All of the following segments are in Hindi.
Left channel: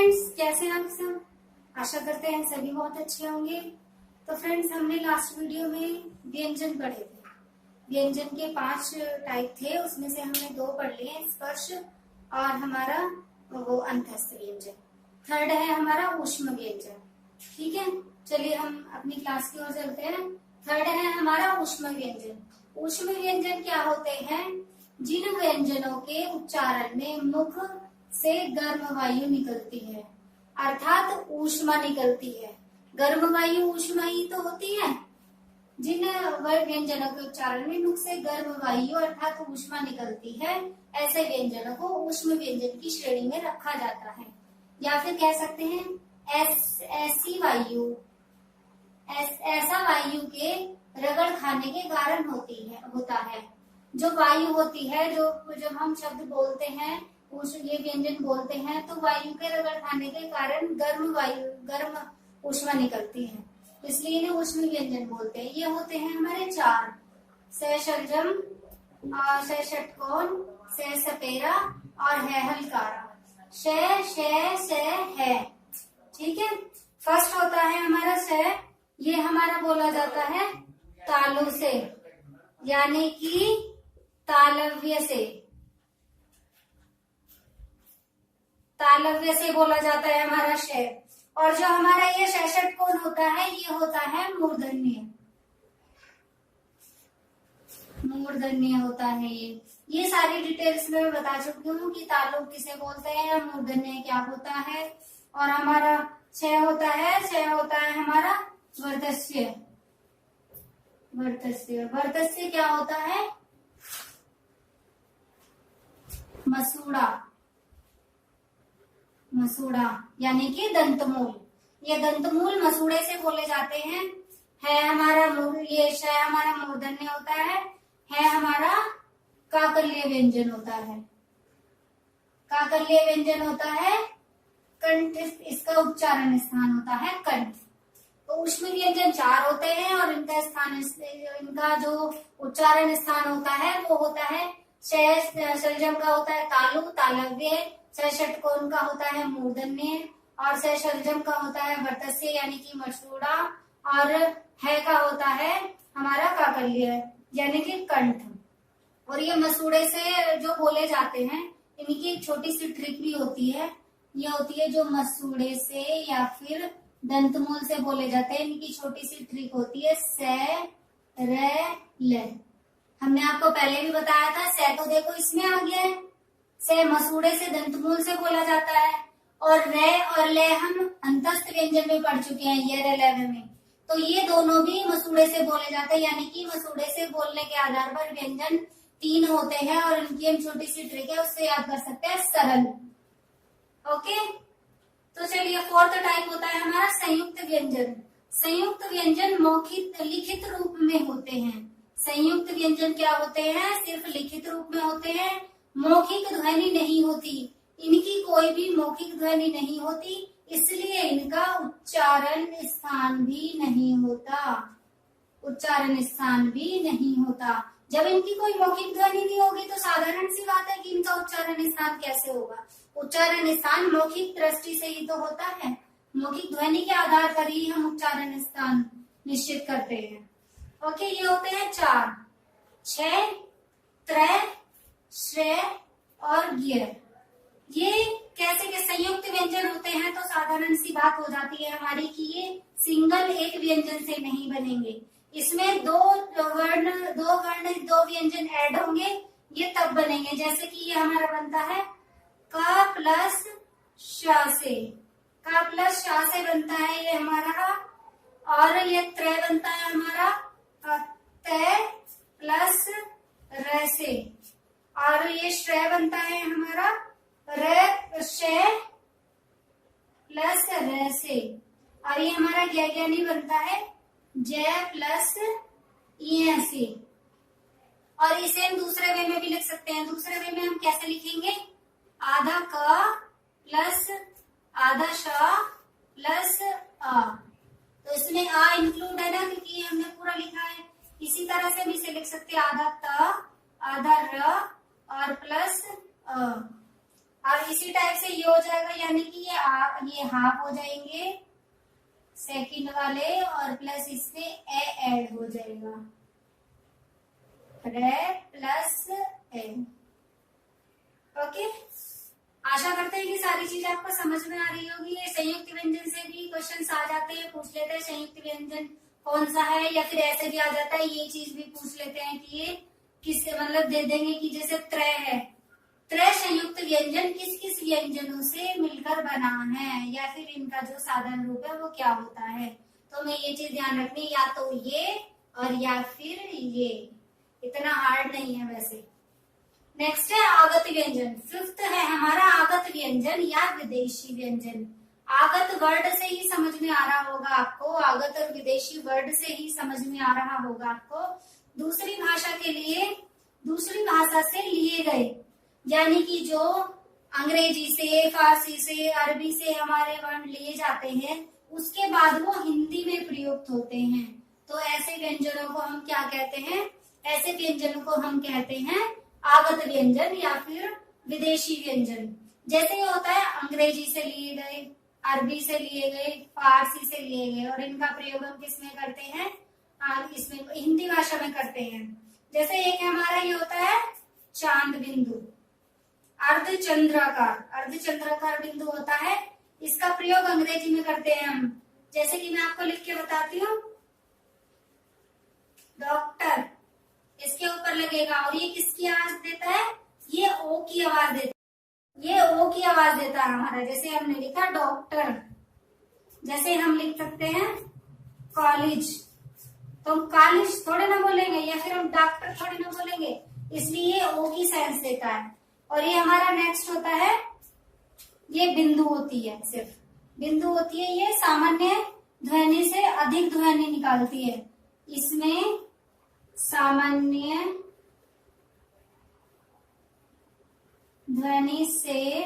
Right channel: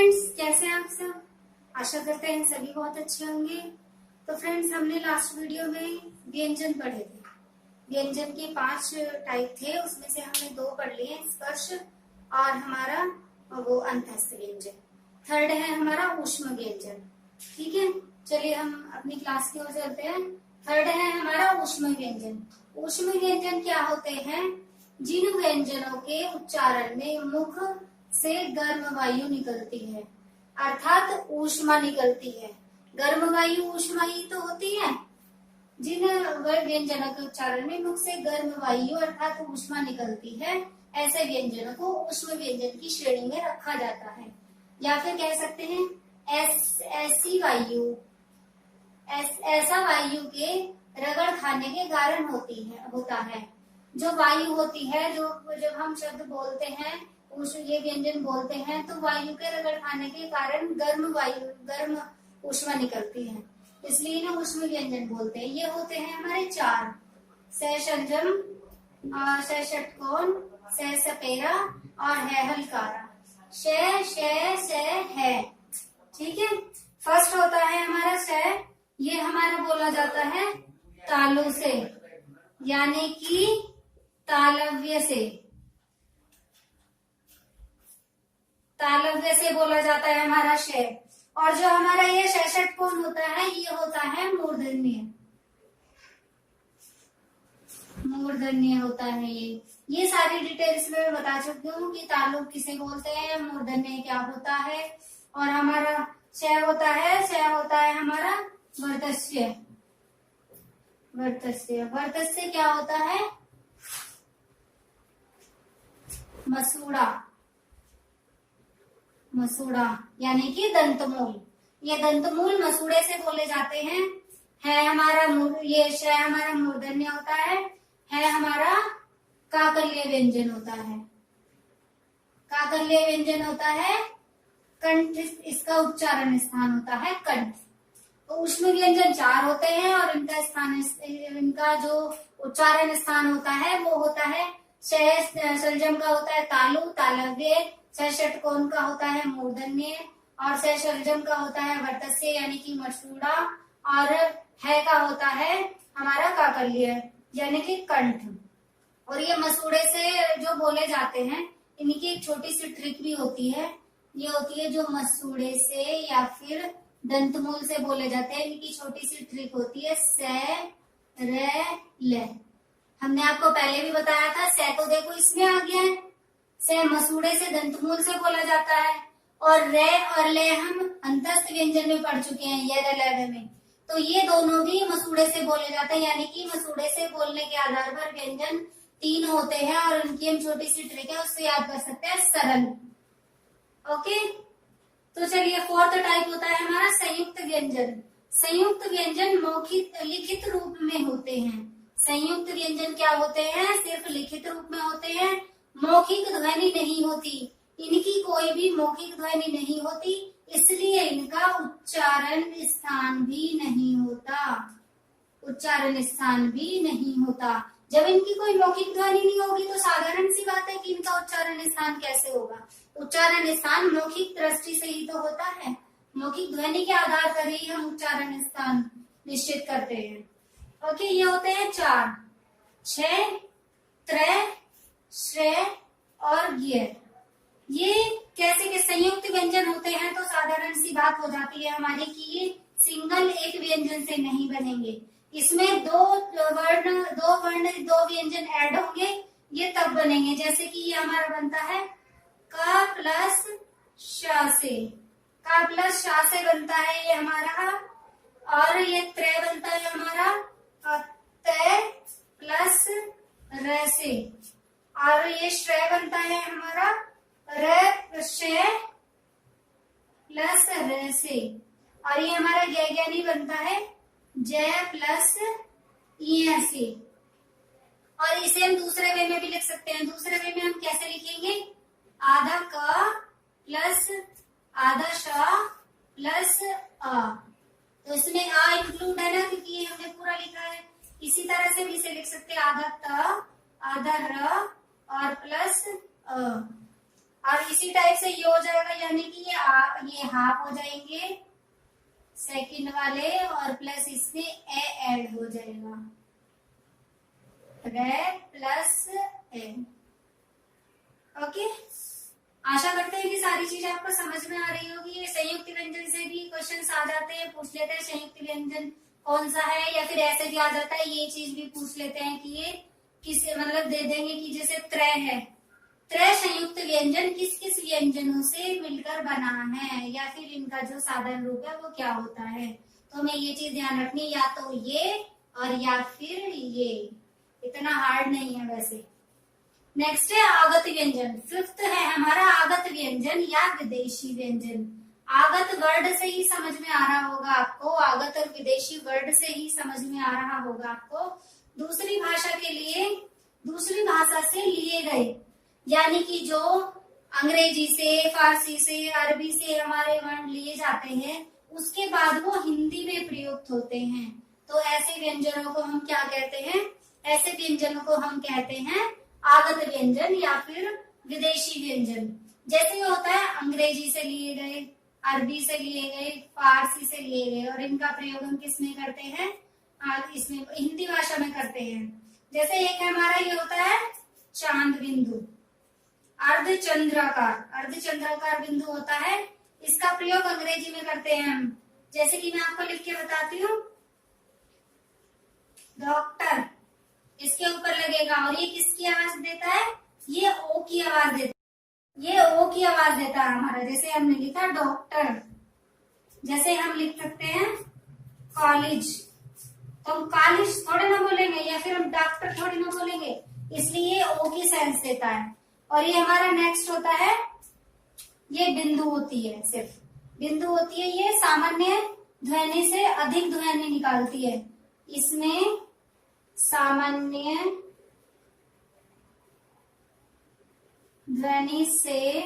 फ्रेंड्स, कैसे हैं आप सब। आशा करते हैं सभी बहुत अच्छे होंगे। तो फ्रेंड्स, हमने लास्ट वीडियो में व्यंजन पढ़े थे। व्यंजन के 5 टाइप थे, उसमें से हमने 2 पढ़ लिए, स्पर्श और हमारा वो अंतस्थ व्यंजन। थर्ड है हमारा ऊष्म व्यंजन। ठीक है, चलिए हम अपनी क्लास की ओर चलते हैं। थर्ड है हमारा ऊष्म व्यंजन। ऊष्म व्यंजन क्या होते हैं? जिन व्यंजनों के उच्चारण में मुख से गर्म वायु निकलती है, अर्थात ऊष्मा निकलती है। गर्म वायु ऊष्मा ही तो होती है। जिन व्यंजनों के उच्चारण में मुख से गर्म वायु अर्थात ऊष्मा निकलती है, ऐसे व्यंजनों को ऊष्म व्यंजन की श्रेणी में रखा जाता है। या फिर कह सकते हैं ऐसी वायु, ऐसा वायु के रगड़ खाने के कारण होता है। जो वायु होती है, जो जब हम शब्द बोलते हैं, ये व्यंजन बोलते हैं, तो वायु के रगड़ खाने के कारण गर्म ऊष्मा निकलती है, इसलिए इन्हें ऊष्म व्यंजन बोलते हैं। ये होते हैं हमारे 4: स षडजम, स षटकोण, स सपेरा और है हलकारा। श है। ठीक है, फर्स्ट होता है हमारा स। ये हमारा बोला जाता है तालु से, यानी कि तालव्य से बोला जाता है हमारा श। और जो हमारा ये श षटकोण होता है, ये होता है मूर्धन्य होता है। ये सारी डिटेल्स में मैं बता चुकी हूँ कि तालु किसे बोलते हैं, मूर्धन्य क्या होता है। और हमारा श होता है हमारा वर्तस्य। वर्तस्य क्या होता है? मसूड़ा यानी कि दंतमूल। ये दंतमूल मसूड़े से बोले जाते हैं। है हमारा ये श हमारा मूर्धन्य होता है हमारा काकल्य व्यंजन होता है। काकल्य व्यंजन होता है कंठ, इसका उच्चारण स्थान होता है कंठ। तो ऊष्म व्यंजन 4 होते हैं और इनका जो उच्चारण स्थान होता है वो होता है षडजम का होता है तालु, तालव्य। स षटकोण का होता है मूर्धन्य और स षडजम का होता है वर्तस्य यानी कि मसूड़ा। और है का होता है हमारा काकल्य यानी कि कंठ। और ये मसूड़े से जो बोले जाते हैं, इनकी एक छोटी सी ट्रिक भी होती है। ये होती है जो मसूड़े से या फिर दंतमूल से बोले जाते हैं, इनकी छोटी सी ट्रिक होती है स र ल। हमने आपको पहले भी बताया था, स तो देखो इसमें आ गया है, स मसूड़े से दंतमूल से बोला जाता है। और रे और ले हम अंतस्थ व्यंजन में पढ़ चुके हैं, ये र में। तो ये दोनों भी मसूड़े से बोले जाते हैं, यानी कि मसूड़े से बोलने के आधार पर व्यंजन 3 होते हैं और इनकी हम छोटी सी ट्रिक है, उससे याद कर सकते हैं, सरल। ओके, तो चलिए 4th टाइप होता है हमारा संयुक्त व्यंजन। संयुक्त व्यंजन मौखिक लिखित रूप में होते हैं। संयुक्त व्यंजन क्या होते हैं? सिर्फ लिखित रूप में होते हैं, मौखिक ध्वनि नहीं होती। इनकी कोई भी मौखिक ध्वनि नहीं होती, इसलिए इनका उच्चारण स्थान भी नहीं होता। जब इनकी कोई मौखिक ध्वनि नहीं होगी तो साधारण सी बात है कि इनका उच्चारण स्थान कैसे होगा। उच्चारण स्थान मौखिक दृष्टि से ही तो होता है, मौखिक ध्वनि के आधार पर ही हम उच्चारण स्थान निश्चित करते हैं। ओके, ये होते हैं 4: छ, त्रय, श्रेय और ज्ञ। ये कैसे के संयुक्त व्यंजन होते हैं, तो साधारण सी बात हो जाती है हमारी कि ये सिंगल एक व्यंजन से नहीं बनेंगे। इसमें दो व्यंजन ऐड होंगे, ये तब बनेंगे। जैसे कि ये हमारा बनता है का प्लस शा से बनता है ये हमारा। और ये त्रय बनता है हमारा तय प्लस र से। और ये श्रेय बनता है हमारा श प्लस र से। और ये हमारा ज्ञानी बनता है जय प्लस इ से। और इसे हम दूसरे वे में भी लिख सकते हैं। दूसरे वे में हम कैसे लिखेंगे? आधा क प्लस आधा श प्लस अ। तो इसमें आ इंक्लूड है ना, क्योंकि ये हमने पूरा लिखा है। इसी तरह से भी इसे लिख सकते हैं आधा त, आधा र और प्लस अ। और इसी टाइप से ये हो जाएगा, यानी कि ये हाफ हो जाएंगे सेकंड वाले, और प्लस इसमें ए ऐड हो जाएगा, रे प्लस ए। ओके, आशा करते हैं कि सारी चीज आपको समझ में आ रही होगी। ये संयुक्त व्यंजन से भी क्वेश्चंस आ जाते हैं, पूछ लेते हैं संयुक्त व्यंजन कौन सा है, या फिर ऐसे भी आ जाता है, ये चीज भी पूछ लेते हैं कि ये किस, मतलब दे देंगे कि जैसे त्रय है, त्रय संयुक्त व्यंजन किस किस व्यंजनों से मिलकर बना है, या फिर इनका जो साधारण रूप है वो क्या होता है। तो हमें ये चीज ध्यान रखनी, या तो ये और या फिर ये, इतना हार्ड नहीं है वैसे। नेक्स्ट है आगत व्यंजन। फिफ्थ है हमारा आगत व्यंजन या विदेशी व्यंजन। आगत वर्ड से ही समझ में आ रहा होगा आपको, आगत और विदेशी वर्ड से ही समझ में आ रहा होगा आपको। दूसरी भाषा के लिए, दूसरी भाषा से लिए गए, यानी कि जो अंग्रेजी से, फारसी से, अरबी से हमारे वर्ण लिए जाते हैं, उसके बाद वो हिंदी में प्रयुक्त होते हैं। तो ऐसे व्यंजनों को हम क्या कहते हैं, ऐसे व्यंजनों को हम कहते हैं आगत व्यंजन या फिर विदेशी व्यंजन। जैसे ये होता है अंग्रेजी से लिए गए, अरबी से लिए गए, फारसी से लिए गए, और इनका प्रयोग हम किस में करते हैं, इसमें हिंदी भाषा में करते हैं। जैसे एक हमारा ये होता है चांद बिंदु, अर्धचंद्राकार, अर्धचंद्राकार बिंदु होता है, इसका प्रयोग अंग्रेजी में करते हैं हम। जैसे कि मैं आपको लिख के बताती हूँ, डॉक्टर इसके ऊपर लगेगा, और ये किसकी आवाज देता है, ये ओ की आवाज देता है, ये ओ की आवाज देता है हमारा। जैसे हमने लिखा डॉक्टर, जैसे हम लिख सकते हैं कॉलेज, तो हम कॉलेज थोड़े ना बोलेंगे, या फिर हम डॉक्टर थोड़े ना बोलेंगे, इसलिए ओ की सेंस देता है। और ये हमारा नेक्स्ट होता है, ये बिंदु होती है, सिर्फ बिंदु होती है, ये सामान्य ध्वनि से अधिक ध्वनि निकालती है। इसमें सामान्य ध्वनि से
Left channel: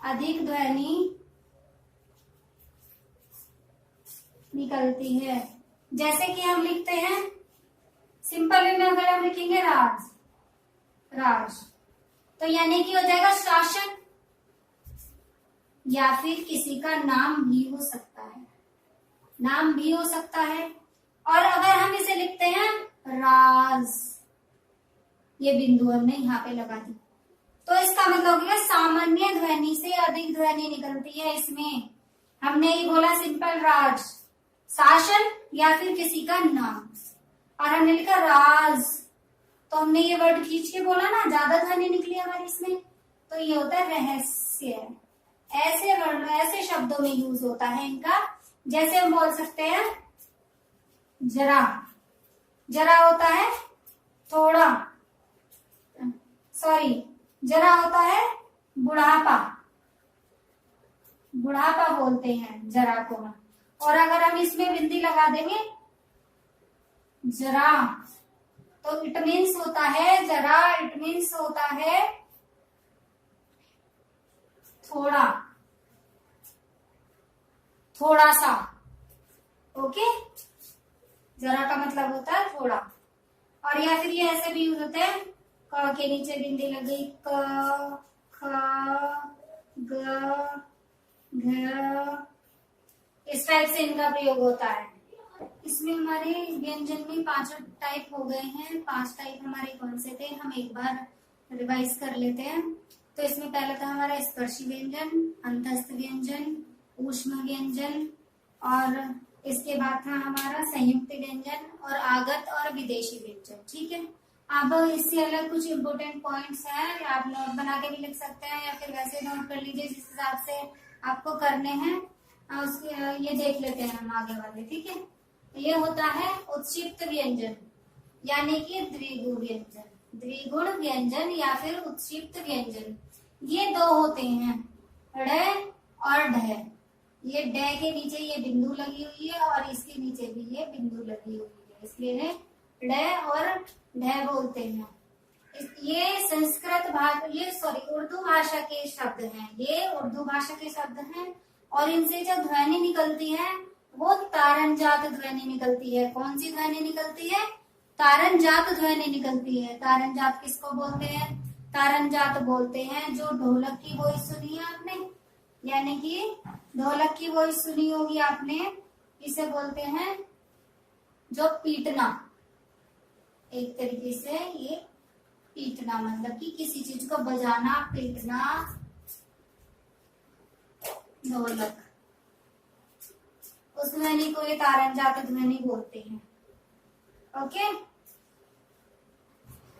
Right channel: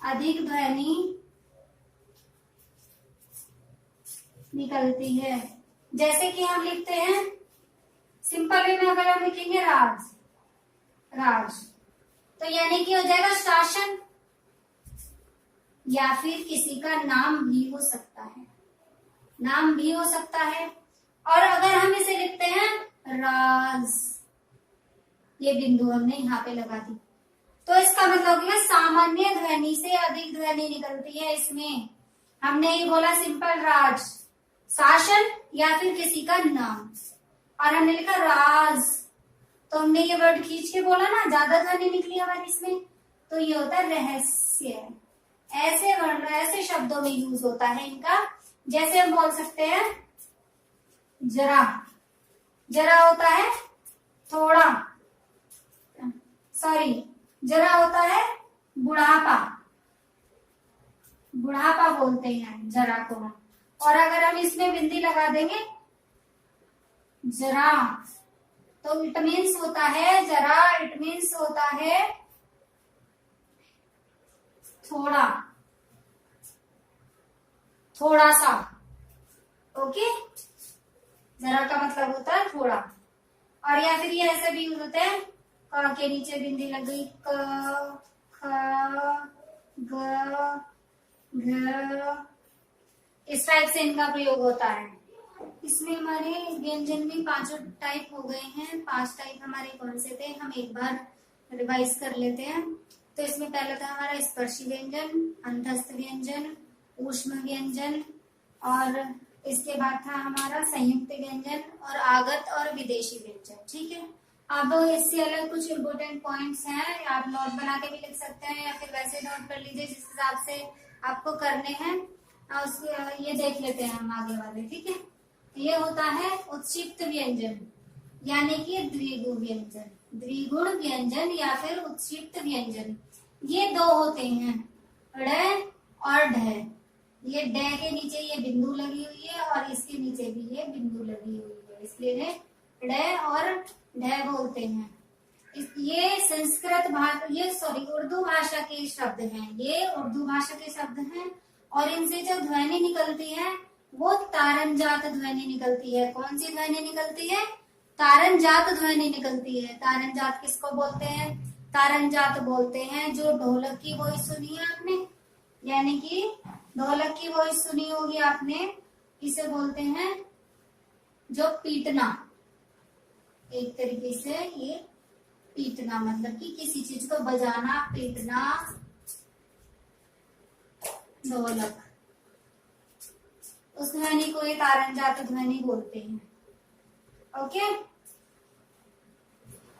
अधिक ध्वनि निकलती है। जैसे कि हम लिखते हैं सिंपल वे में, अगर हम लिखेंगे राज, राज, तो यानी कि हो जाएगा शासन, या फिर किसी का नाम भी हो सकता है, नाम भी हो सकता है। और अगर हम इसे लिखते हैं राज, ये बिंदु हमने यहाँ पे लगा दी, तो इसका मतलब होगा सामान्य ध्वनि से अधिक ध्वनि निकलती है। इसमें हमने ये बोला सिंपल राज, शासन या फिर किसी का नाम, और हमने लिखा राज, तो हमने ये वर्ड खींच के बोला ना, ज्यादा ध्वनि निकली हमारी इसमें, तो ये होता है रहस्य। ऐसे वर्ण, ऐसे शब्दों में यूज होता है इनका। जैसे हम बोल सकते हैं जरा, जरा होता है थोड़ा, सॉरी, जरा होता है बुढ़ापा, बुढ़ापा बोलते हैं जरा को। और अगर हम इसमें बिंदी लगा देंगे जरा, तो इट मीन्स होता है जरा, इट मीन्स होता है थोड़ा, थोड़ा सा। ओके, जरा का मतलब होता है थोड़ा। और या फिर ये ऐसे भी यूज होते हैं, क के नीचे बिंदी लग गई, क, ख, ग, घ, इस टाइप से इनका प्रयोग होता है। इसमें हमारे व्यंजन में 5 टाइप हो गए हैं। 5 टाइप हमारे कौन से थे, हम एक बार रिवाइज कर लेते हैं। तो इसमें पहला था हमारा स्पर्शी व्यंजन, अंतस्थ व्यंजन, ऊष्म व्यंजन, और इसके बाद था हमारा संयुक्त व्यंजन, और आगत और विदेशी व्यंजन। ठीक है, अब इससे अलग कुछ इम्पोर्टेंट पॉइंट्स हैं, आप नोट बना के भी लिख सकते हैं, या फिर वैसे नोट कर लीजिए जिस हिसाब से आपको करने हैं। ये देख लेते हैं हम आगे वाले। ठीक है, ये होता है उत्क्षिप्त व्यंजन, यानी कि द्विगुण व्यंजन, द्विगुण व्यंजन या फिर उत्क्षिप्त व्यंजन। ये 2 होते हैं, ड़ और ढ। ये ड के नीचे ये बिंदु लगी हुई है, और इसके नीचे भी ये बिंदु लगी हुई है, इसलिए इन्हें ड और ढ बोलते हैं। ये संस्कृत भाषा, ये सॉरी उर्दू भाषा के शब्द हैं, ये उर्दू भाषा के शब्द हैं, और इनसे जो ध्वनि निकलती है वो तारंजात ध्वनि निकलती है। कौन सी ध्वनि निकलती है, तारण जात ध्वनि निकलती है। तारण जात किसको बोलते हैं? तारण जात बोलते हैं जो ढोलक की वॉइस सुनी है आपने, यानी कि ढोलक की वॉइस सुनी होगी आपने, इसे बोलते हैं जो पीटना। एक तरीके से ये पीटना मतलब कि किसी चीज को बजाना, पीटना, ढोलक, उस ध्वनि को ये तारण जात ध्वनि बोलते हैं। ओके,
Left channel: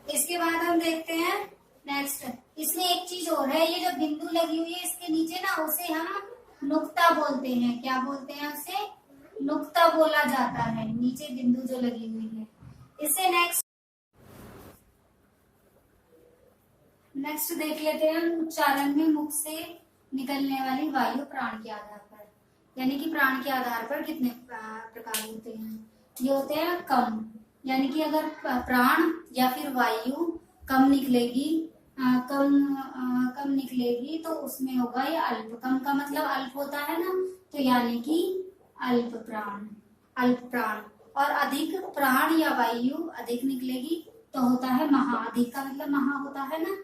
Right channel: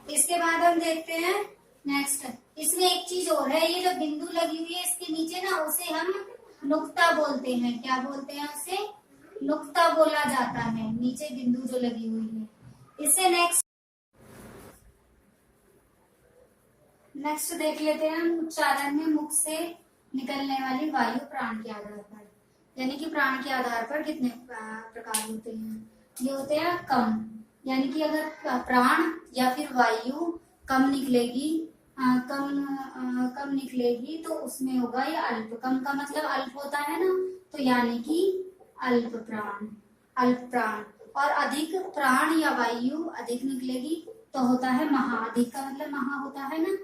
इसके बाद हम देखते हैं नेक्स्ट। इसमें एक चीज और है, ये जो बिंदु लगी हुई है इसके नीचे ना, उसे हम नुक्ता बोलते हैं। क्या बोलते हैं उसे? नुक्ता बोला जाता है, नीचे बिंदु जो लगी हुई है। इससे नेक्स्ट देख लेते हैं हम उच्चारण में मुख से निकलने वाली वायु प्राण के आधार पर, यानी कि प्राण के आधार पर कितने प्रकार होते हैं। ये होते हैं कम, यानी कि अगर प्राण या फिर वायु कम निकलेगी, कम निकलेगी तो उसमें होगा ये अल्प। कम का मतलब अल्प होता है ना, तो यानी कि अल्प प्राण, अल्प प्राण। और अधिक प्राण या वायु अधिक निकलेगी तो होता है महा। अधिक का मतलब महा होता है ना,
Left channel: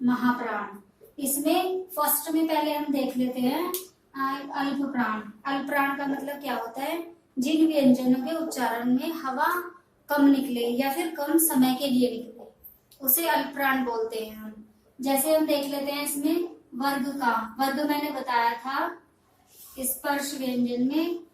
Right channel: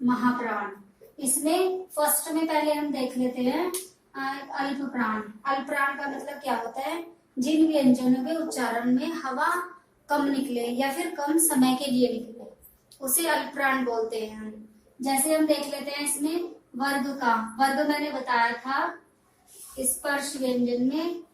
महाप्राण। इसमें फर्स्ट में पहले हम देख लेते हैं अल्प प्राण। अल्प प्राण का मतलब क्या होता है? जिन व्यंजनों के उच्चारण में हवा कम निकले या फिर कम समय के लिए निकले, उसे अल्प प्राण बोलते हैं हम। जैसे हम देख लेते हैं इसमें वर्ग का। वर्ग मैंने बताया था, स्पर्श व्यंजन में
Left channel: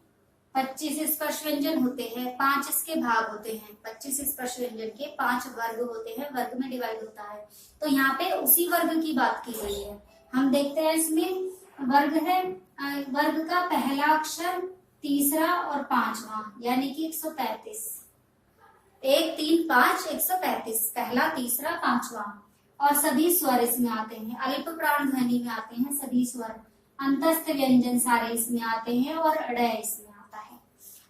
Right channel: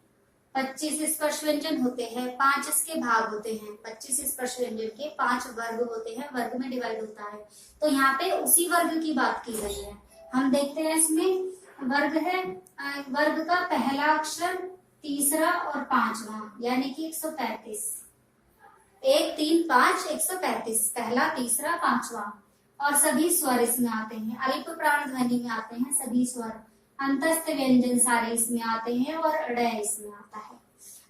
25 स्पर्श व्यंजन होते हैं, 5 इसके भाग होते हैं। 25 स्पर्श व्यंजन के 5 वर्ग होते हैं, वर्ग में डिवाइड होता है। तो यहाँ पे उसी वर्ग की बात की गई है। हम देखते हैं इसमें वर्ग है, वर्ग का पहला अक्षर, तीसरा और पांचवा, यानी कि 135। 1, 3, 5, 135, पहला, तीसरा, पांचवा। और सभी स्वर इसमें आते हैं, अल्प प्राण ध्वनि में आते हैं सभी स्वर। अंतस्थ व्यंजन सारे इसमें आते हैं और अडय इसमें आता है।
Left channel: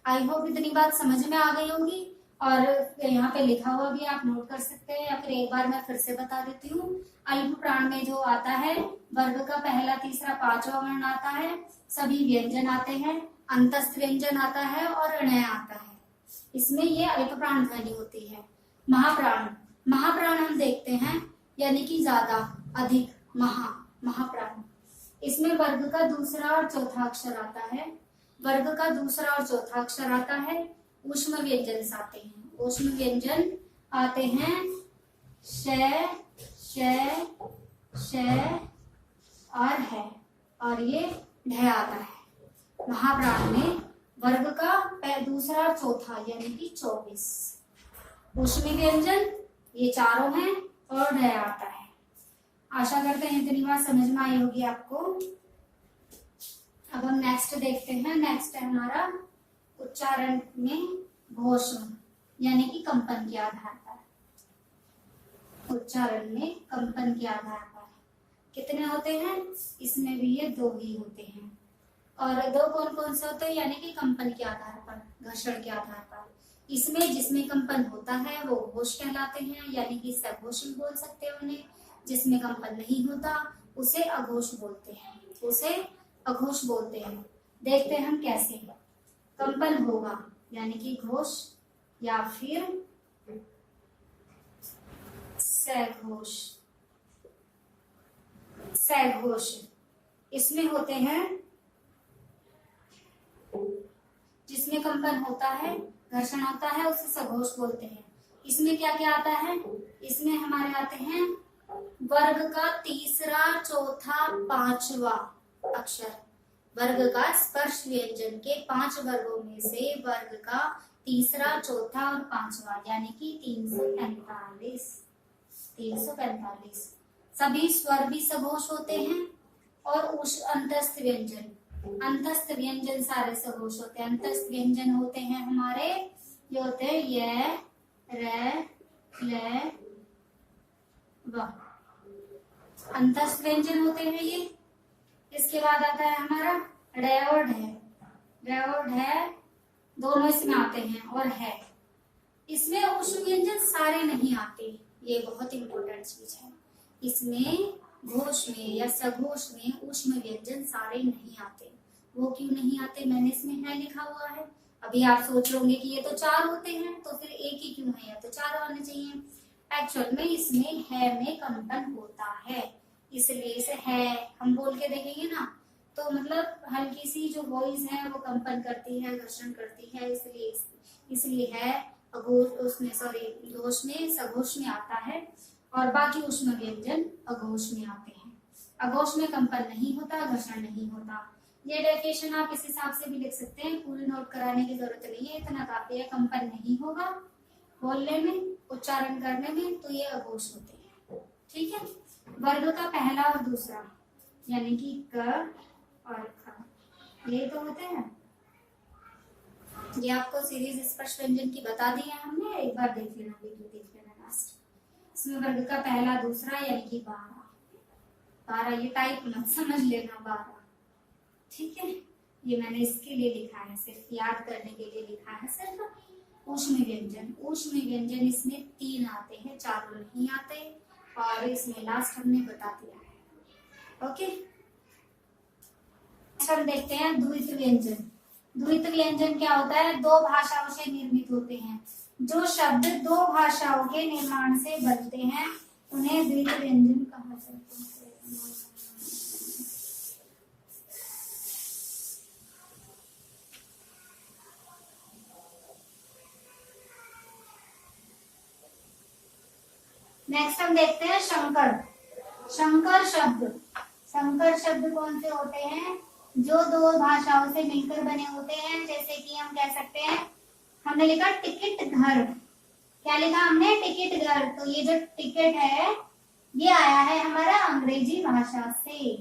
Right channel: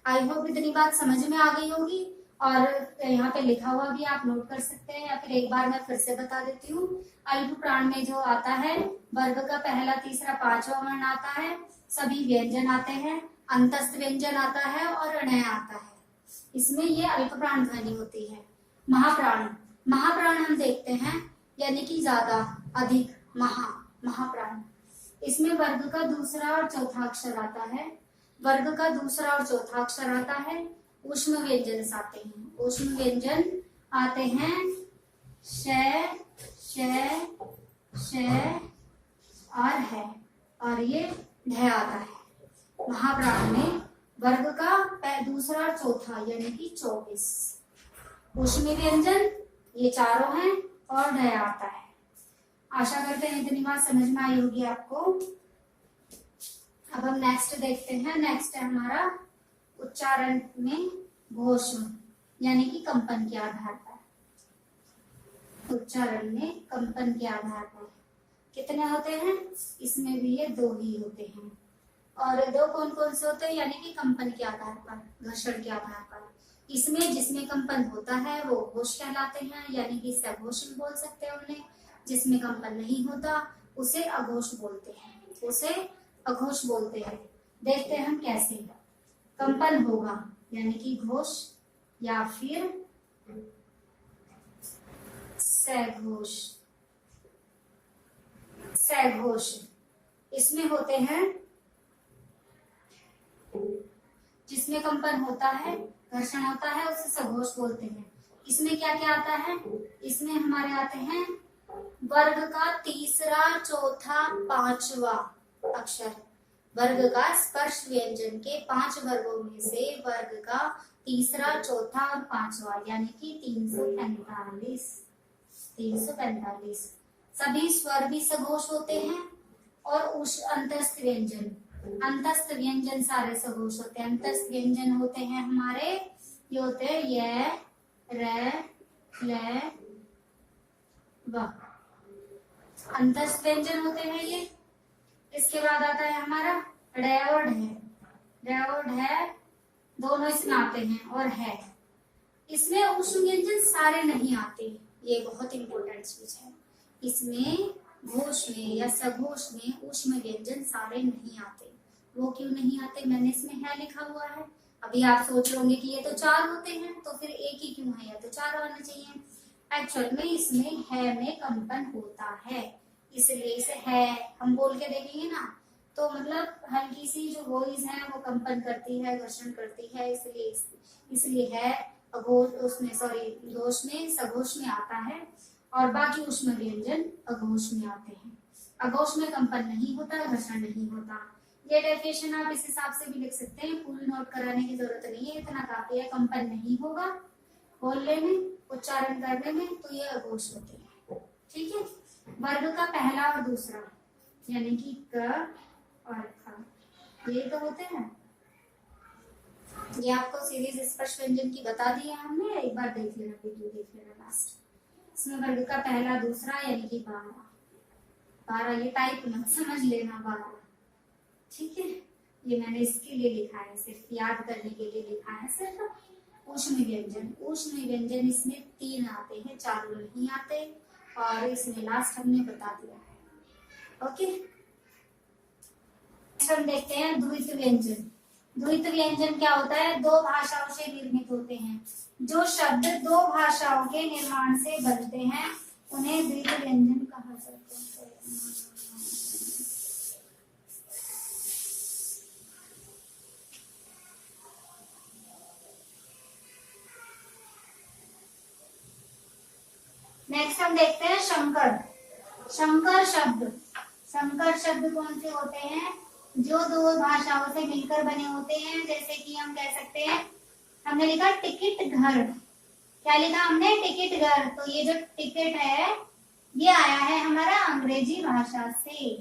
आई होप इतनी बात समझ में आ गई होगी। और यहाँ पे लिखा हुआ भी आप नोट कर सकते हैं, या फिर एक बार मैं फिर से बता देती हूँ। अल्प प्राण में जो आता है, वर्ग का पहला, तीसरा, पांचवा वर्ण आता है, सभी व्यंजन आते हैं, अंतस्थ व्यंजन आता है और अणय आता है। इसमें ये अल्प प्राण ध्वनि होती है। महाप्राण, महाप्राण हम देखते हैं, यानी कि ज्यादा, अधिक, महाप्राण। इसमें वर्ग का दूसरा और चौथा अक्षर आता है, वर्ग का दूसरा और चौथा अक्षर आता है। ऊष्म व्यंजन आते हैं, ऊष्म व्यंजन आते हैं, श, श, श और है, और ये ढ आता है। महाप्राण में वर्ग का दूसरा और चौथा यानी कि 24 ऊष्मी व्यंजन ये चारों हैं और ढ आता है। आशा करते हैं इतनी बात समझ में आई होगी आपको। अब हम नेक्स्ट देखते हैं। नेक्स्ट है हमारा उच्चारण में घोषम, यानी कि कंपन के आधार पर। उच्चारण में कंपन के आधार पर कितने होते हैं? इसमें भी ये 2 ही होते हैं। और 2 कौन कौन से होते हैं? यानी कि कंपन के आधार पर, घर्षण के आधार पर। इसमें जिसमें कंपन होता है वो घोष कहलाते हैं, यानी कि सघोष भी बोल सकते हैं उन्हें। जिसमें कंपन नहीं होता उसे अघोष बोलते हैं, उसे अघोष बोलते हैं। देखते हैं हम कैसे कंपन होगा, यानी कि घोष या फिर सघोष। सघोष इसमें होते हैं, जिसमें कंपन होता है, घर्षण होता है, उसे सघोष बोलते हैं। इसमें क्या क्या आता है? इसमें हमारे आते हैं वर्ग का तीसरा, चौथा, पांचवा अक्षर। वर्ग का स्पर्श व्यंजन के 5 वर्गों में से वर्ग का तीसरा, चौथा और पांचवा, यानी कि 345। 345 सभी स्वर भी सघोष होते हैं। और अंतस्थ व्यंजन, अंतस्थ व्यंजन सारे सघोष होते हैं। अंतस्थ व्यंजन होते हैं हमारे, ये होते हैं य, र, ल, व। अंतस्थ व्यंजन होते हैं ये। इसके बाद आता है हमारा ड और ढ। ड और ढ दोनों इसमें आते हैं और है। इसमें ऊष्म व्यंजन सारे नहीं आते, ये बहुत इंपॉर्टेंट चीज है। इसमें घोष में या सघोष में ऊष्म व्यंजन सारे नहीं आते। वो क्यों नहीं आते? मैंने इसमें है लिखा हुआ है, अभी आप सोच रहे होंगे कि ये तो 4 होते हैं, तो फिर एक ही क्यों है, या तो 4 होने चाहिए। एक्चुअल में इसमें है में कंपन होता है, इसलिए इसे है हम बोल के देखेंगे ना, तो मतलब हल्की सी जो वॉइस है वो कंपन करती है, घर्षण करती है, इसलिए है अघोष उसमें, सॉरी घोष में, सघोष में आता है, और बाकी ऊष्म व्यंजन अघोष में आते हैं। अघोष में कंपन नहीं होता, घर्षण नहीं होता। ये डेफिनेशन आप इस हिसाब से भी लिख सकते हैं, पूरी नोट कराने की जरूरत नहीं है, इतना काफी है। कंपन नहीं होगा बोलने में, उच्चारण करने में, तो ये अघोष होते हैं। ठीक है, वर्ग का पहला और दूसरा यानी कि क और ख ये तो होते हैं। ये आपको सीरीज स्पर्श व्यंजन की बता दी है हमने, एक बार देख लेना, वीडियो देख लेना लास्ट। इसमें वर्ग का पहला दूसरा यानी कि 12, ये टाइप मत समझ लेना 12। ठीक है, ये मैंने इसके लिए लिखा है, सिर्फ याद करने के लिए लिखा है सिर्फ। ऊष्म व्यंजन, ऊष्म व्यंजन इसमें 3 आते हैं, 4 नहीं आते, और इसमें लास्ट हमने बता दिया है। ओके, हम देखते हैं द्वित व्यंजन। द्वित व्यंजन क्या होता है? 2 भाषाओं से निर्मित होते हैं। जो शब्द 2 भाषाओं के निर्माण से बनते हैं उन्हें द्वित व्यंजन कहा जाता है। नेक्स्ट हम देखते हैं शंकर। शंकर शब्द कौन से होते हैं? जो 2 भाषाओं से मिलकर बने होते हैं। जैसे कि हम कह सकते हैं, हमने लिखा टिकट घर। क्या लिखा हमने? टिकट घर। तो ये जो टिकट है ये आया है हमारा अंग्रेजी भाषा से,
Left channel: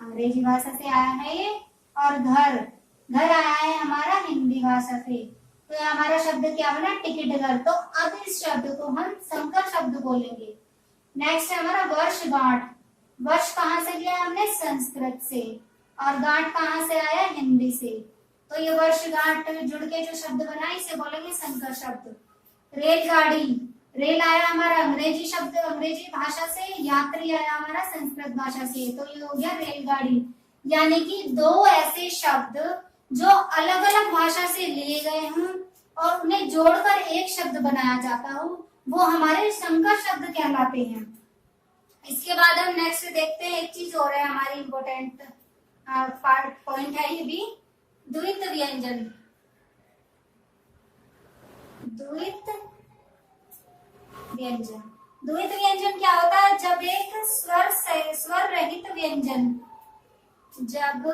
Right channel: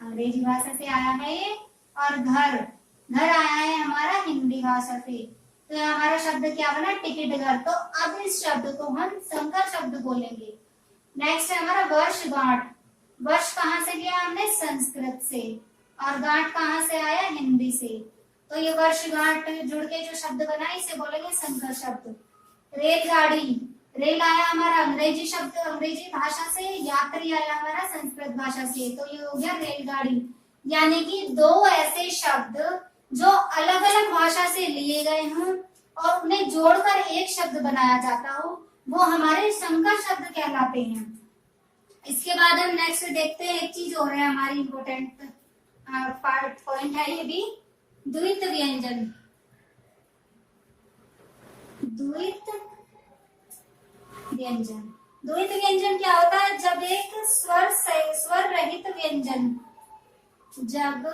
अंग्रेजी भाषा से आया है ये। और घर आया है हमारा हिंदी भाषा से। तो ये हमारा शब्द क्या बना? टिकट घर। तो अब इस शब्द को हम संकर शब्द बोलेंगे। नेक्स्ट है हमारा वर्षगांठ। वर्ष कहाँ से लिया हमने? संस्कृत से। और गांठ कहाँ से आया? हिंदी से। तो ये वर्षगांठ जुड़ के जो शब्द बना इसे बोलेंगे संकर शब्द। रेलगाड़ी, रेल आया हमारा अंग्रेजी शब्द, अंग्रेजी भाषा से। यात्री आया हमारा संस्कृत भाषा से। तो ये हो गया रेलगाड़ी। यानी कि 2 ऐसे शब्द जो अलग अलग भाषा से लिए गए हों और उन्हें जोड़कर एक शब्द बनाया जाता हो, वो हमारे संकर शब्द कहलाते हैं। इसके बाद हम नेक्स्ट देखते हैं, एक चीज और है हमारी इम्पोर्टेंट पॉइंट है ये भी, द्वित व्यंजन। द्वित व्यंजन क्या होता है? जब एक स्वर रहित व्यंजन, जब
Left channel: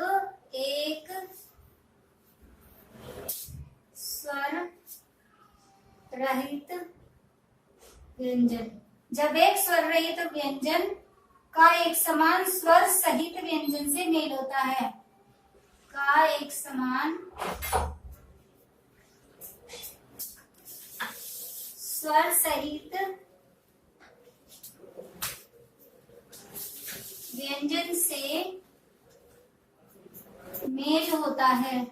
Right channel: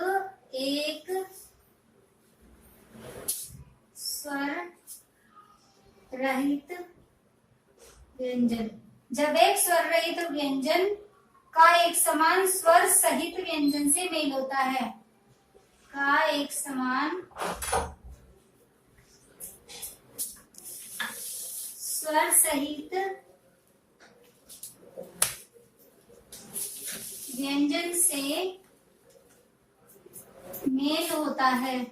एक स्वर रहित व्यंजन का एक समान स्वर सहित व्यंजन से मेल होता है। का एक समान स्वर सहित व्यंजन से मेल होता है,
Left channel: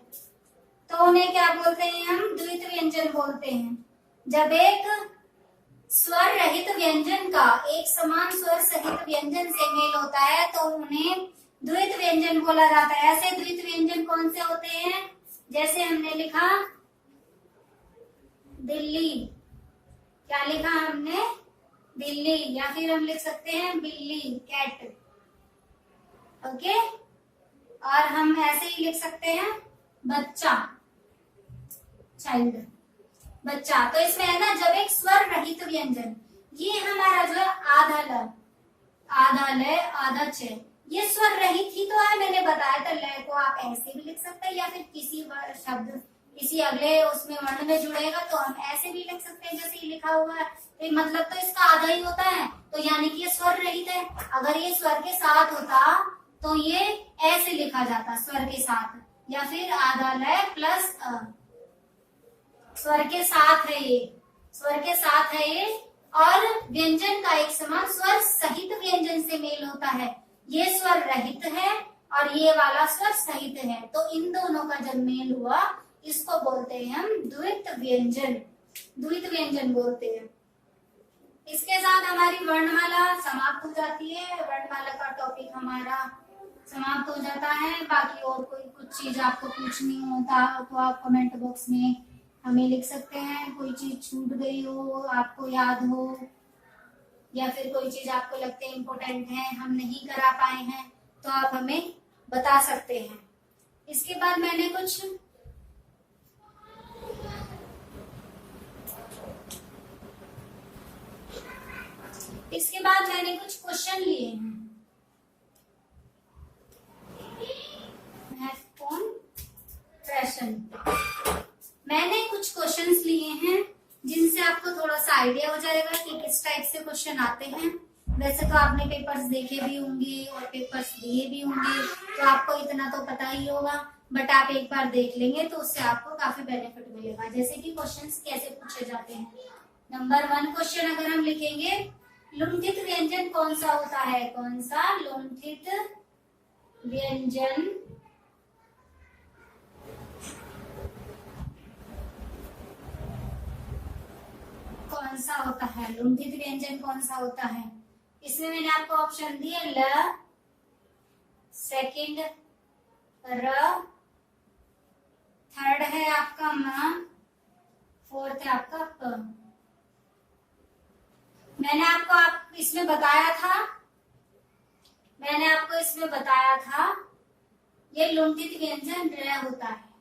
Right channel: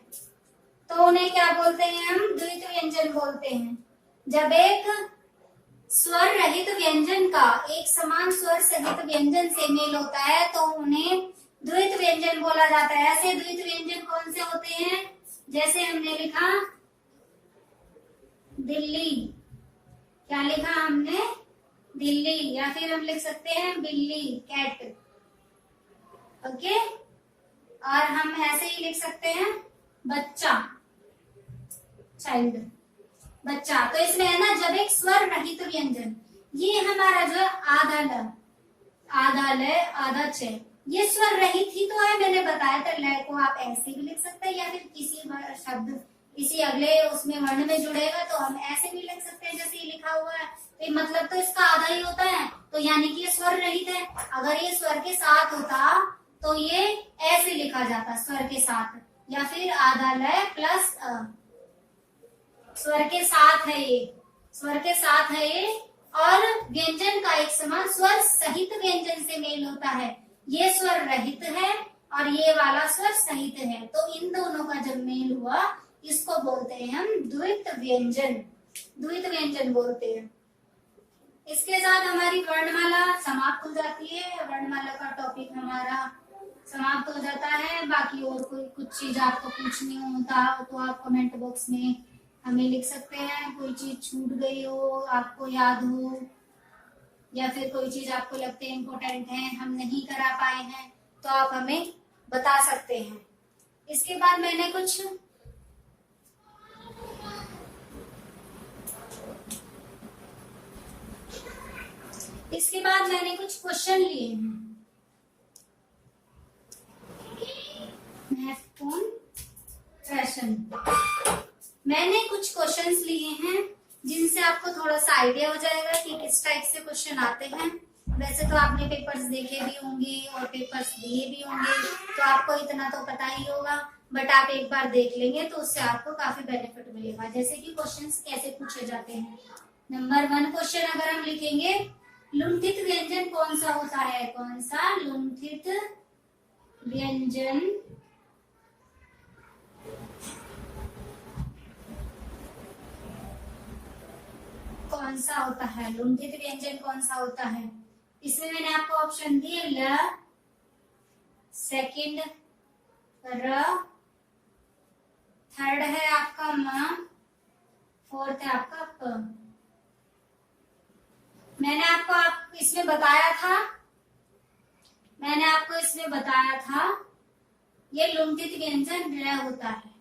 तो उन्हें क्या बोलते हैं? हम द्वित व्यंजन बोलते हैं। जब एक स्वर रहित व्यंजन का एक समान स्वर सहित व्यंजन से मेल होता है तो उन्हें द्वित व्यंजन बोला जाता है। ऐसे द्वित व्यंजन कौन से होते हैं? जैसे हमने लिखा दिल्ली, क्या लिखा हमने? दिल्ली। या फिर हम लिख सकते हैं बिल्ली, कैट। ओके, और हम ऐसे ही लिख सकते हैं बच्चा, चाइल्ड, बच्चा। तो इसमें है ना, जब एक स्वर रहित व्यंजन, ये हमारा जो है आधा ल, आधा ल, आधा च, ये स्वर रहित ही तो है। मैंने बताया था, ल को आप ऐसे भी लिख सकते हैं या फिर किसी शब्द किसी अगले उसमें वर्ण में जुड़ेगा तो हम ऐसे भी लिख सकते हैं जैसे ये लिखा हुआ है। तो मतलब तो इसका आधा ही होता है, तो यानी कि ये स्वर रहित है। अगर ये स्वर के साथ होता तो ये ऐसे लिखा जाता, स्वर के साथ, या फिर आधा ल प्लस अ। स्वर के साथ है ये, स्वर के साथ है ये। और व्यंजन का एक समान स्वर सहित व्यंजन से मेल होता है। ये स्वर रहित है और ये वाला स्वर सहित है, तो इन दोनों का जब मेल हुआ इसको बोलते हैं हम द्वित व्यंजन, द्वित व्यंजन बोलते हैं। इसके साथ हमारी वर्णमाला समाप्त हो जाती है। वर्णमाला का टॉपिक हमारा समाप्त हो जाता है। बाकी और कोई कुछ चीज आपको पूछनी होता तो आप कमेंट बॉक्स में हमें लिख सकते हैं। कोई चीज छूट गई हो, आपको याद हो, या फिर कोई चीज आपको लगते हैं इम्पोर्टेंट है, हम नहीं करा पाए हैं, तो आप हमें बता सकते हैं। इसके बाद मैंने कुछ क्वेश्चन लिए हैं। महत्वपूर्ण प्रश्न, मैंने कुछ क्वेश्चंस लिए हैं जिनसे आपको थोड़ा सा आइडिया हो जाएगा कि किस टाइप से क्वेश्चन आते हैं। वैसे तो आपने पेपर्स देखे भी होंगे और पेपर्स दिए भी होंगे, तो आपको इतना तो पता ही होगा, बट आप एक बार देख लेंगे तो उससे आपको काफी बेनिफिट मिलेगा। जैसे कि क्वेश्चंस कैसे पूछे जाते हैं। नंबर 1 क्वेश्चन अगर हम लिखेंगे, लुंठित व्यंजन कौन सा होता है? कौन सा लुंठित व्यंजन कौन सा होता है? लुंठित व्यंजन कौन सा होता है? इसमें मैंने आपको ऑप्शन दिए ल, सेकंड र, थर्ड है आपका म, फोर्थ है आपका प। मैंने आपको इसमें बताया था ये लुंठित व्यंजन र होता है।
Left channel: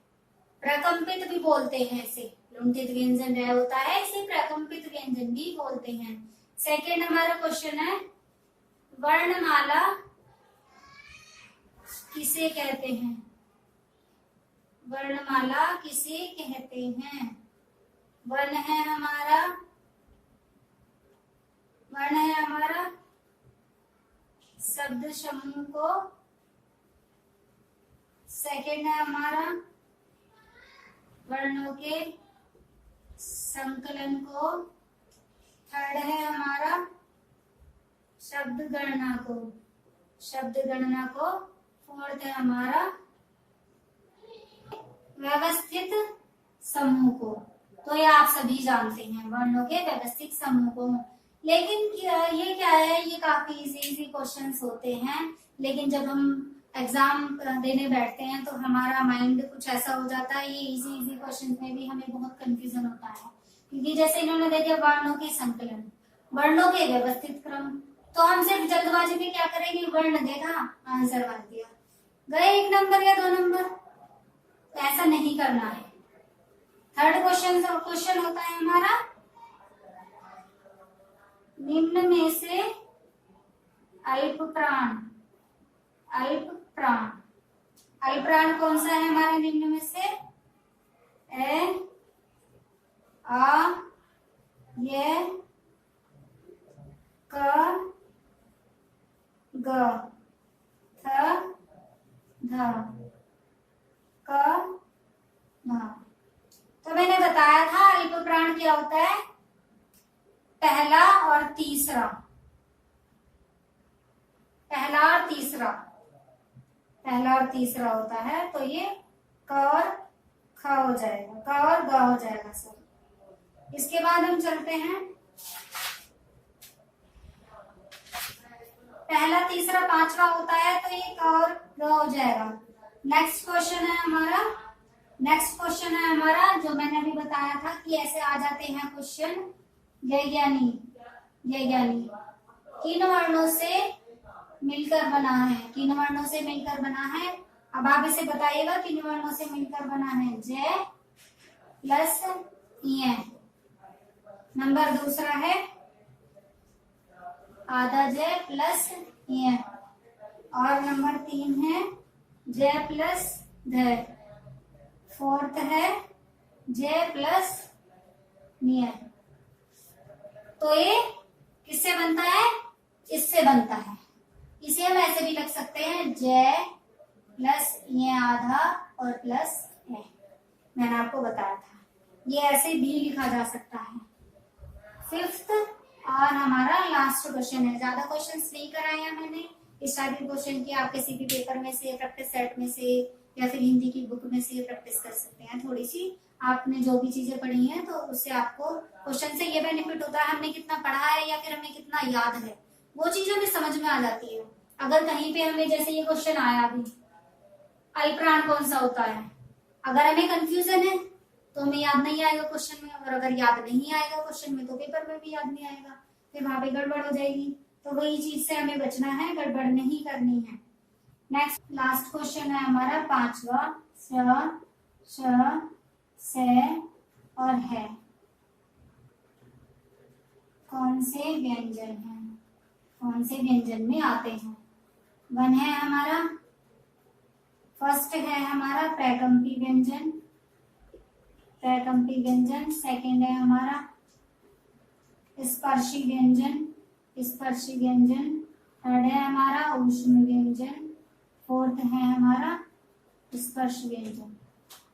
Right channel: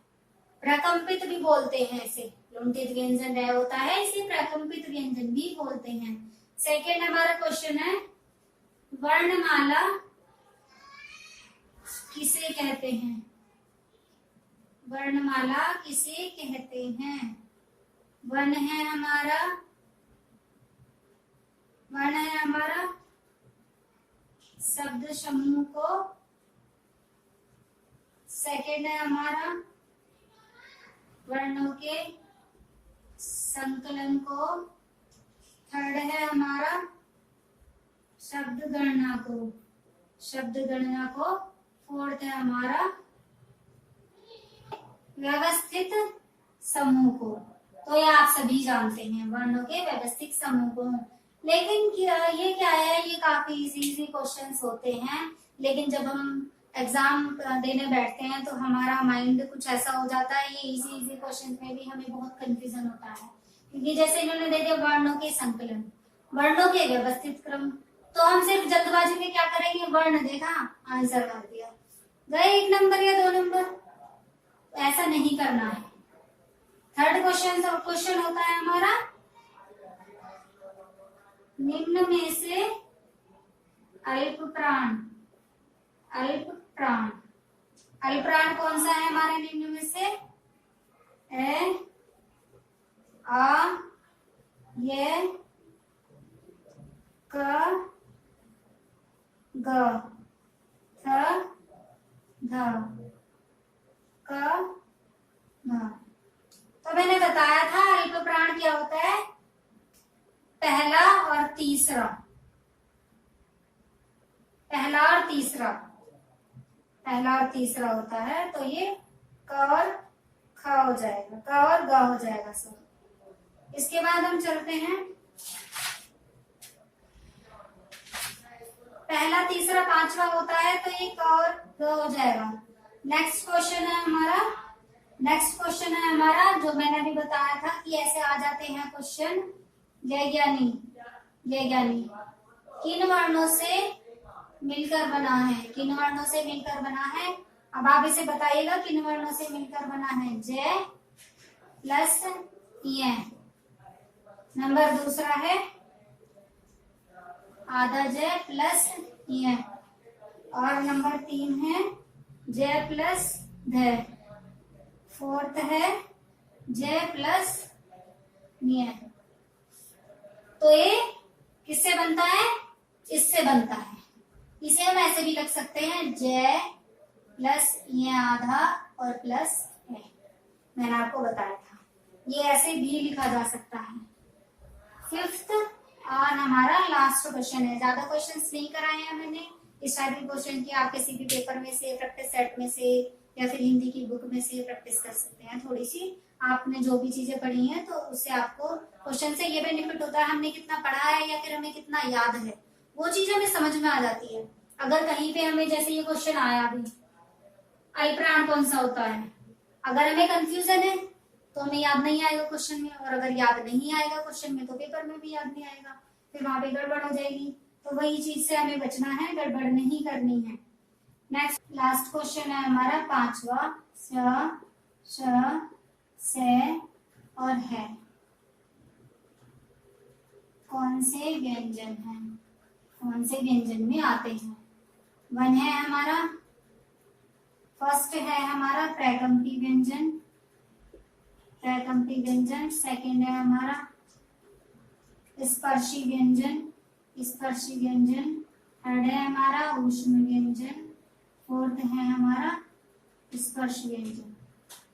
प्रकंपित भी बोलते हैं इसे, लुंठित व्यंजन र होता है, इसे प्रकंपित व्यंजन भी बोलते हैं। सेकंड हमारा क्वेश्चन है, वर्णमाला किसे कहते हैं? वर्णमाला किसे कहते हैं? वर्ण है हमारा शब्द समूह को, सेकंड है हमारा वर्णों के संकलन को, थर्ड है हमारा शब्द गणना को, फोर्थ है हमारा व्यवस्थित समूह को। तो ये आप सभी जानते हैं, वर्णों के व्यवस्थित समूह को। लेकिन ये क्या है, ये काफी इजी क्वेश्चंस होते हैं, लेकिन जब हम एग्जाम देने बैठते हैं तो हमारा माइंड कुछ ऐसा हो जाता है, ये इजी क्वेश्चंस में भी हमें बहुत कंफ्यूजन होता है। क्योंकि जैसे इन्होंने दे दिया वर्णों के संकलन, वर्णों के व्यवस्थित क्रम, तो हम सिर्फ जल्दबाजी में क्या करेंगे, वर्ण देखा आंसर मार दिया, गए 1 नंबर या 2 नंबर। तो ऐसा नहीं करना है। थर्ड क्वेश्चन होता है हमारा, निम्न में से अल्प प्राण कौन सा है हमारे निम्न में से? ए, आ, ये, क, ग, थ, ध, क, ध। तो मैंने बताया था अल्प प्राण क्या होता है, पहला और तीसरा होता है। तो ये क और ख हो जाएगा, क और ग हो जाएगा सर। इसके बाद हम चलते हैं, पहला, तीसरा, पांचवा होता है, तो ये क और ग हो जाएगा। नेक्स्ट क्वेश्चन है हमारा जो मैंने अभी बताया था कि ऐसे आ जाते हैं क्वेश्चन, जय ज्ञानी किन वर्णों से मिलकर बना है? अब आप इसे बताइएगा किन वर्णों से मिलकर बना है? जय प्लस य। नंबर दूसरा है आधा जय प्लस य, और नंबर 3 है जय प्लस ध, फोर्थ है जय प्लस य। तो ये किससे बनता है? इससे बनता है। इसे हम ऐसे भी लिख सकते हैं, जय प्लस ये आधा और प्लस है। मैंने आपको बताया था, ये ऐसे भी लिखा जा सकता है। फिफ्थ और हमारा लास्ट क्वेश्चन है। ज्यादा क्वेश्चंस नहीं कराए हैं मैंने, इस टाइप के क्वेश्चन की आप किसी भी पेपर में से, प्रैक्टिस सेट में से, या फिर हिंदी की बुक में से प्रैक्टिस कर सकते हैं। थोड़ी सी आपने जो भी चीजें पढ़ी हैं, तो उससे आपको क्वेश्चन से ये बेनिफिट होता है, हमने कितना पढ़ा है या फिर हमें कितना याद है, वो चीज हमें समझ में आ जाती है। अगर कहीं पे हमें जैसे ये क्वेश्चन आया अभी, अल्पप्राण कौन सा होता है, अगर हमें कंफ्यूजन है तो हमें याद नहीं आएगा क्वेश्चन में, और अगर याद नहीं आएगा क्वेश्चन में तो पेपर में भी याद नहीं आएगा, फिर वहां पे गड़बड़ हो जाएगी। तो वही चीज से हमें बचना है, गड़बड़ नहीं करनी है। नेक्स्ट लास्ट क्वेश्चन है हमारा 5वां, स, श, से और है कौन से व्यंजन हैं, कौन से व्यंजन में आते हैं। 1 है हमारा, फर्स्ट है हमारा प्रकम्पी व्यंजन, प्रकम्पी व्यंजन। सेकंड है हमारा स्पर्शी व्यंजन, स्पर्शी व्यंजन। थर्ड है हमारा ऊष्म व्यंजन। फोर्थ है हमारा स्पर्श व्यंजन।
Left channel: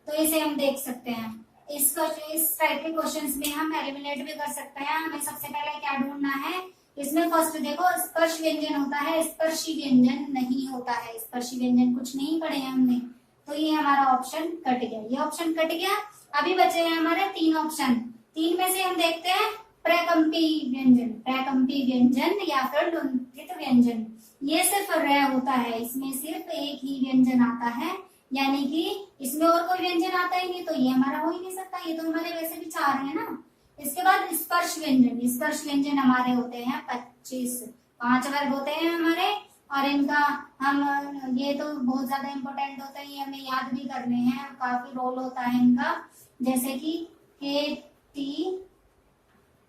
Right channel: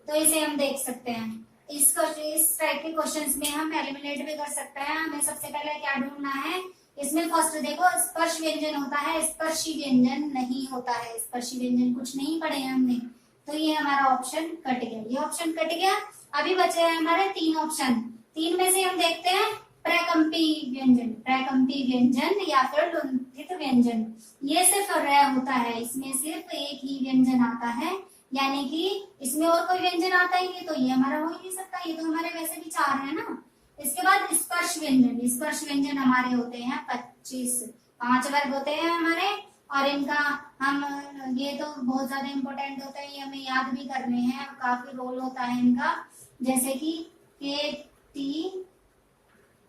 तो इसे हम देख सकते हैं। इस टाइप के क्वेश्चंस में हम एलिमिनेट भी कर सकते हैं। हमें सबसे पहले क्या ढूंढना है, इसमें फर्स्ट देखो स्पर्श व्यंजन होता है, स्पर्शी व्यंजन नहीं होता है। स्पर्शी व्यंजन कुछ नहीं पढ़े हैं हमने, तो ये हमारा ऑप्शन कट गया, ये ऑप्शन कट गया। अभी बचे हैं हमारे 3 ऑप्शन। 3 में से हम देखते हैं प्रकम्पी व्यंजन, प्रकम्पी व्यंजन या फिर लुंठित व्यंजन। ये सिर्फ र होता है, इसमें सिर्फ एक ही व्यंजन आता है, यानी कि इसमें और कोई व्यंजन आता ही नहीं, तो ये हमारा हो ही नहीं सकता। ये तो हमारे वैसे भी 4 है ना। इसके बाद स्पर्श व्यंजन, स्पर्श व्यंजन हमारे होते हैं 25, 5 वर्ग होते हैं हमारे, और इनका हम ये तो बहुत ज्यादा इंपॉर्टेंट होते हैं, ये हमें याद भी करने हैं, काफी रोल होता है इनका। जैसे कि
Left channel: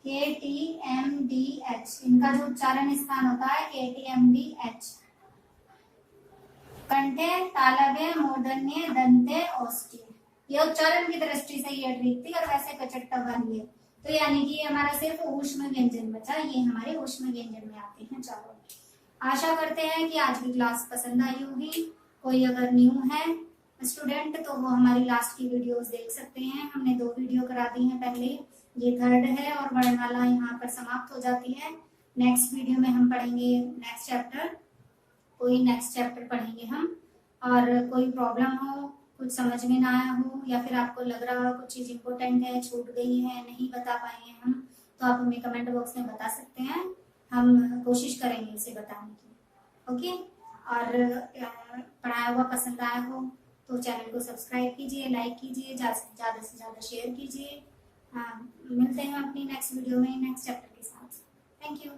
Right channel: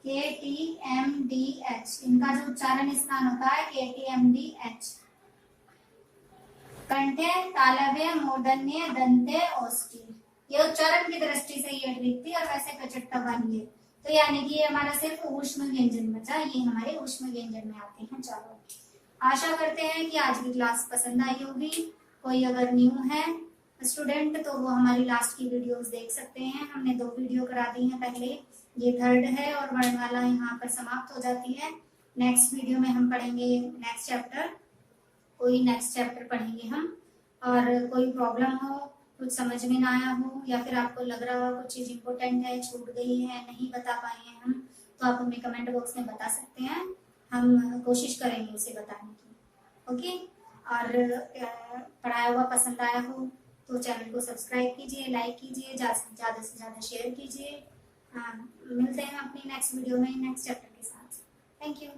KTMDH, इनका जो उच्चारण स्थान होता है KTMDH। कंठे, तालव्य, मूर्धन्य, दंते, ओष्ठी, ये उच्चारण की दृष्टि से ये दिखती है, और वैसे कचट्टा वाली है। तो यानी कि हमारा सिर्फ ऊष्म व्यंजन बचा, ये हमारे ऊष्म व्यंजन में आते हैं। चलो, आशा करते हैं कि आज की क्लास पसंद आई होगी। कोई अगर न्यू है स्टूडेंट तो वो हमारी लास्ट की वीडियोस देख सकते हैं। हमने 2 वीडियो करा दी हैं पहले, ये 3rd है, और वर्णमाला यहाँ पर समाप्त हो जाती है। नेक्स्ट वीडियो में हम पढ़ेंगे नेक्स्ट चैप्टर, कोई नेक्स्ट चैप्टर पढ़ेंगे हम। और कोई प्रॉब्लम हो, कुछ समझ में ना आया हो, या फिर आपको लग रहा हो कुछ चीज इंपॉर्टेंट है, छूट गई है, नहीं बता पाए हैं हम, तो आप हमें कमेंट बॉक्स में बता सकते हैं। हम कोशिश करेंगे उसे बताने की। ओके, और पढ़ाया हुआ पसंद आया हो तो चैनल को सब्सक्राइब कीजिए, लाइक कीजिए, ज्यादा से ज्यादा शेयर कीजिए। मिलते हैं अपनी नेक्स्ट वीडियो में नेक्स्ट चैप्टर के साथ। Thank you.